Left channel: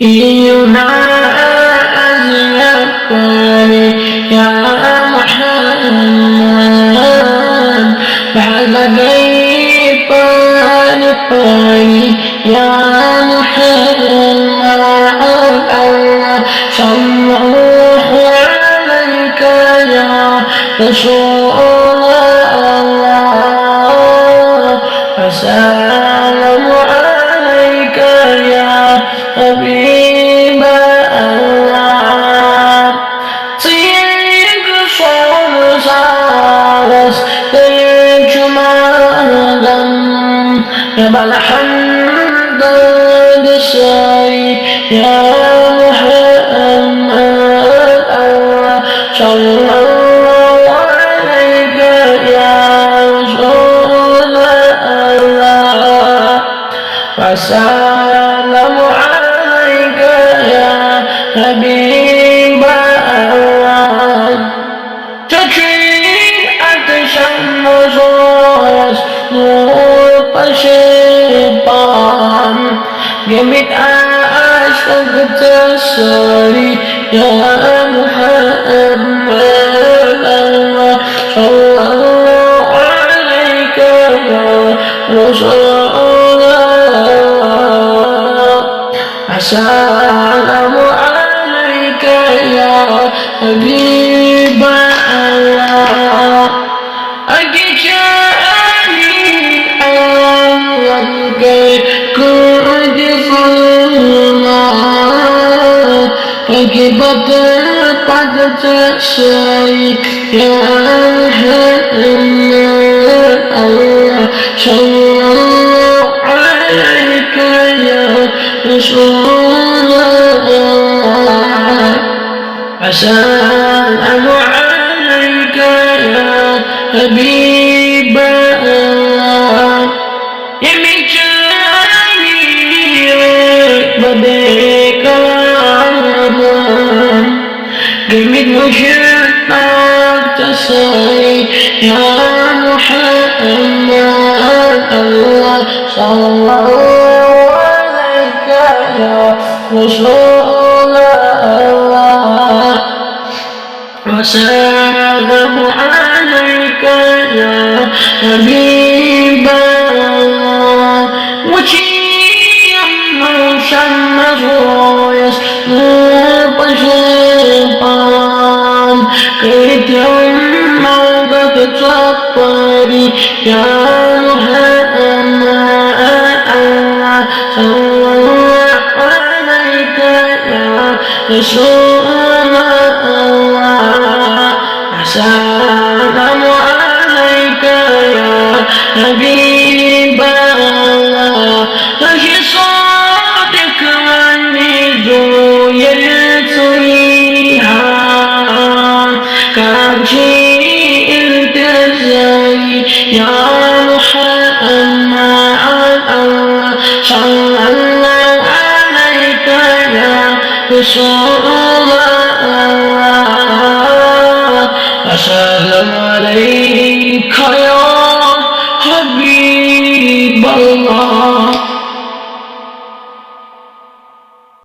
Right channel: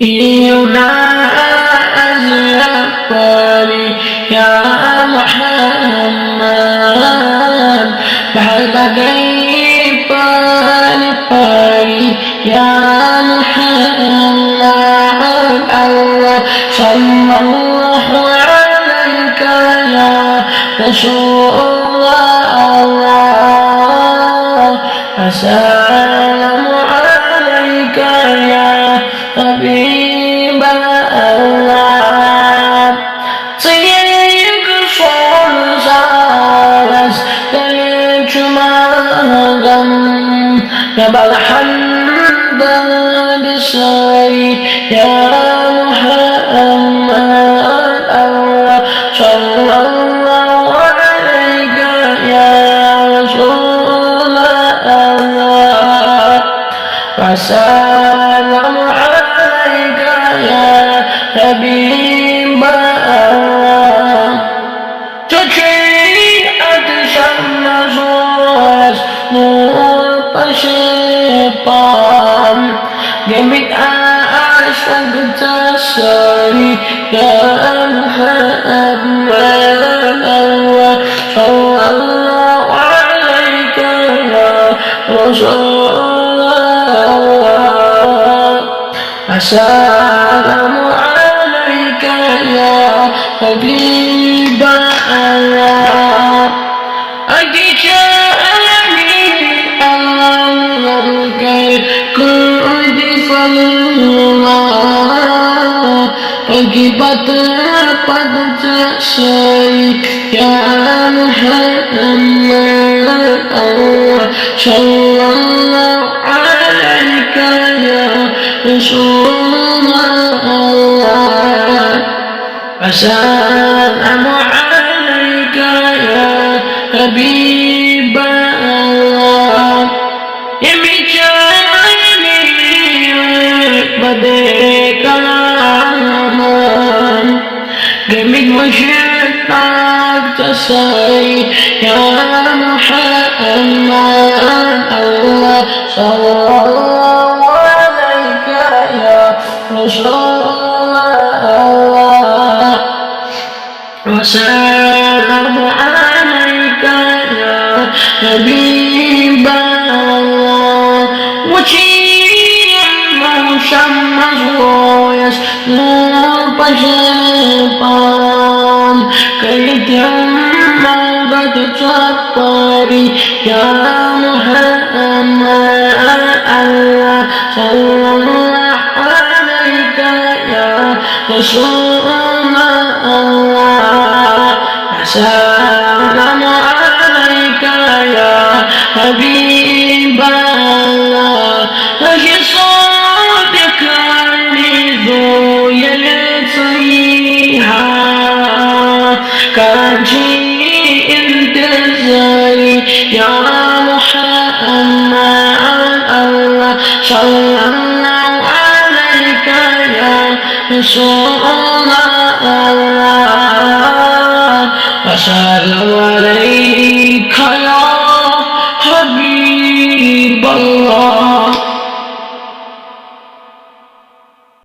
ينازلني يا محمد بحلقي باني يا محمد الله صلى الله عليك يا رسول الله وسلام عليك يا حبيب الله طيق صلصالس للجمالم يبال حمد لسري يا محمد الله صلى الله عليك يا رسول الله وسلام عليك يا حبيب الله تشيئت شمس نور بشيطان جميت أشتاق تسري يا محمد الله صلى الله عليك يا رسول الله السلام عليك يا حبيب الله أجيشاني أنك كنت صلاة فكبت قد تسري يا محمد الله صلى الله عليك يا رسول الله السلام عليك يا حبيب الله يمجاني بديك الأمان جميل مشتاق تسعي يا محمد الله صلى الله عليك يا رسول الله وسلام عليك يا حبيب الله وشيما شمس يسنور بشيطان كيت يوم وقت تصبري يا محمد الله صلى الله عليك يا رسول الله السلام عليك يا حبيب الله أشي صادق عني ذو يلطيها كان شيء انتظري يا محمد الله صلى الله عليك يا رسول الله وسلم عليك